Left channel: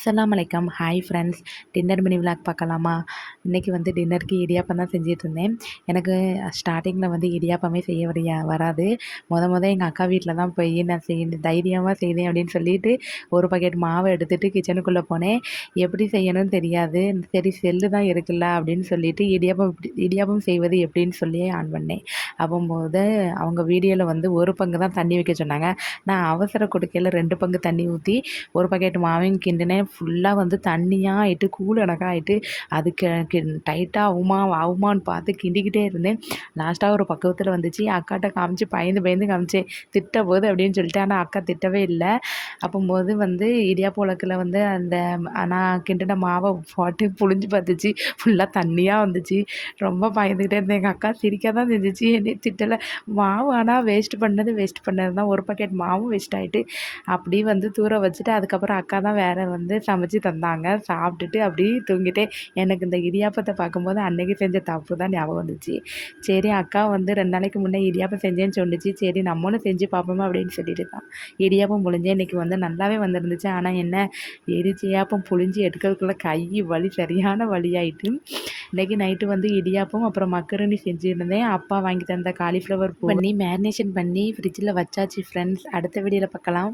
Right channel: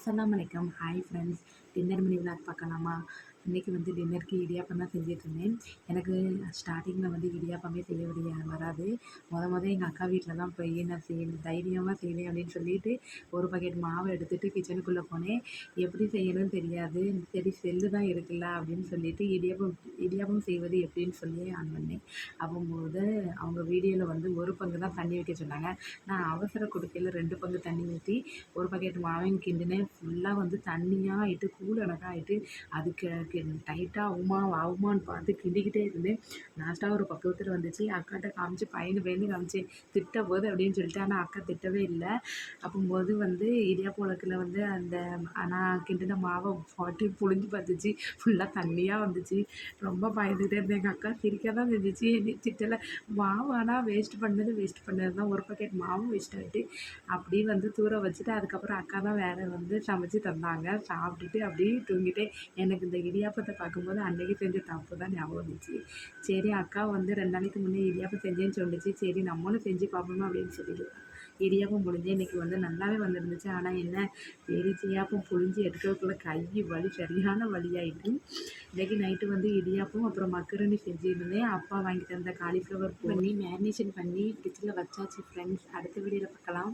அஸ்ஸலாமு வலைக்கம் hi friends dinner mini vlog பார்க்கலாமா? இன்றைக்கி வந்து டின்னருக்கு இடியாப்பம் தான் செஞ்சுட்டு இருந்தேன் எனக்கு ஸ்டார்டிங்கில் வந்து இடியாப்பமே செய்ய வரையா வராது. முத முத எங்கள் அக்கா வீட்டில் தான் போய் நான் செய் தைரியமாக செய்தேன் அப்படின்னு சொல்லிட்டு ஒரு பக்கெட் மாவை எடுத்துகிட்டு கிச்சனுக்குள்ளே போனேன். எப்படி செய்யணும்னு தெரியாது. சரி செல்லு தான் இருக்குல்ல அப்படின்னு சொல்லிட்டு இடியாப்பம் இப்படி- இடியாப்பம் செய்வது எப்படின்னு சொல்லி ஆன் பண்ணேன். அப்போது அவங்க வீடியோவில் வந்து ஒரு பங்கு தான் தண்ணி வைக்க சொன்னாங்க. நான் அவசர கொடுக்கையில் ரெண்டு பங்கு தண்ணி ஊற்றி ஒரு பக்கெட் மாவையும் கிண்டினேன். ஃபுல்லாக வந்து தண்ணியாக ஆகிட்டு கூழ் கணக்காக ஆகிட்டு அதுக்கு டைட்டாக ஆகுமா ஆகுமான்னு பார்த்து கிண்டிக்கிட்டே இருந்தேன். லாஸ்ட்டாக ஒரு பக்குவத்தில் வந்துச்சு. அக்காட்ட காமிச்சு பயந்து பயந்து காமிச்சேன். திட்ட போது அப்படின்னு சொல்லிட்டு ஆனால் அக்கா திட்டவே இல்லை. அப்போம்போது வந்து இடியாப்ப உலக்கில் வந்து அந்த நான் கிண்டின மாவை போட்டு புழிஞ்சு பார்த்துச்சு. ஃபுல்லாக தண்ணியாக வந்துச்சு. ரொம்ப பயந்துக்கிட்டே இருந்தேன். எங்கள் அக்கா சிரிக்க தான் செஞ்சிச்சு. என்னை திட்டலை. மாவு ஆனால் வேஸ்ட் பண்ணது வேஸ்ட் பண்ணது தான் ஒரு பாக்கெட் மாவும் வேஸ்ட் ஆகிட்டு அப்படி வந்து தூர வச்சுட்டு அதுக்கப்புறம் அக்கா தான் வேறு வந்து சமைச்சு தந்தாங்க. சாப்பிட்டுட்டு அப்படியே தூங்கிட்டேன். எனக்கு இந்த இடியாப்பத்தை பார்க்கும்போது அன்றைக்கி செஞ்ச தப்பு தான் ஞாபகம் வந்துச்சு. சரி அக்கா வந்து ரெண்டு நாளைக்கு முன்னே இடியாப்பம் செஞ்சேன்னு சொல்லிச்சு. சரி நம்மளும் செஞ்சு பார்ப்போமா அப்படின்னு சொல்லிட்டு தான். இடியாப்பம் புழிஞ்சேன் இன்றைக்கி வந்து நல்லாவே வந்துருந்துச்சு. ஆனால் என்ன இடிச்சியாப்பம் புழிஞ்சு எடுக்கிறதுக்குள்ளே கை வலி சரியான வழியாயிட்டு இன்றைக்கி நைட்டு வந்து இடியாப்பம் அப்புறம் மக்கரணி செஞ்சுருந்தேன். அப்பா வாங்கி தந்த காலிஃப்ளவர் பண்ணி மேரினேஷன் பண்ணி ஃப்ரிட்ஜில் வச்சாச்சு ஃப்ரெண்ட்ஸ் அடுத்த வீடியோவில் பார்க்கலாம்.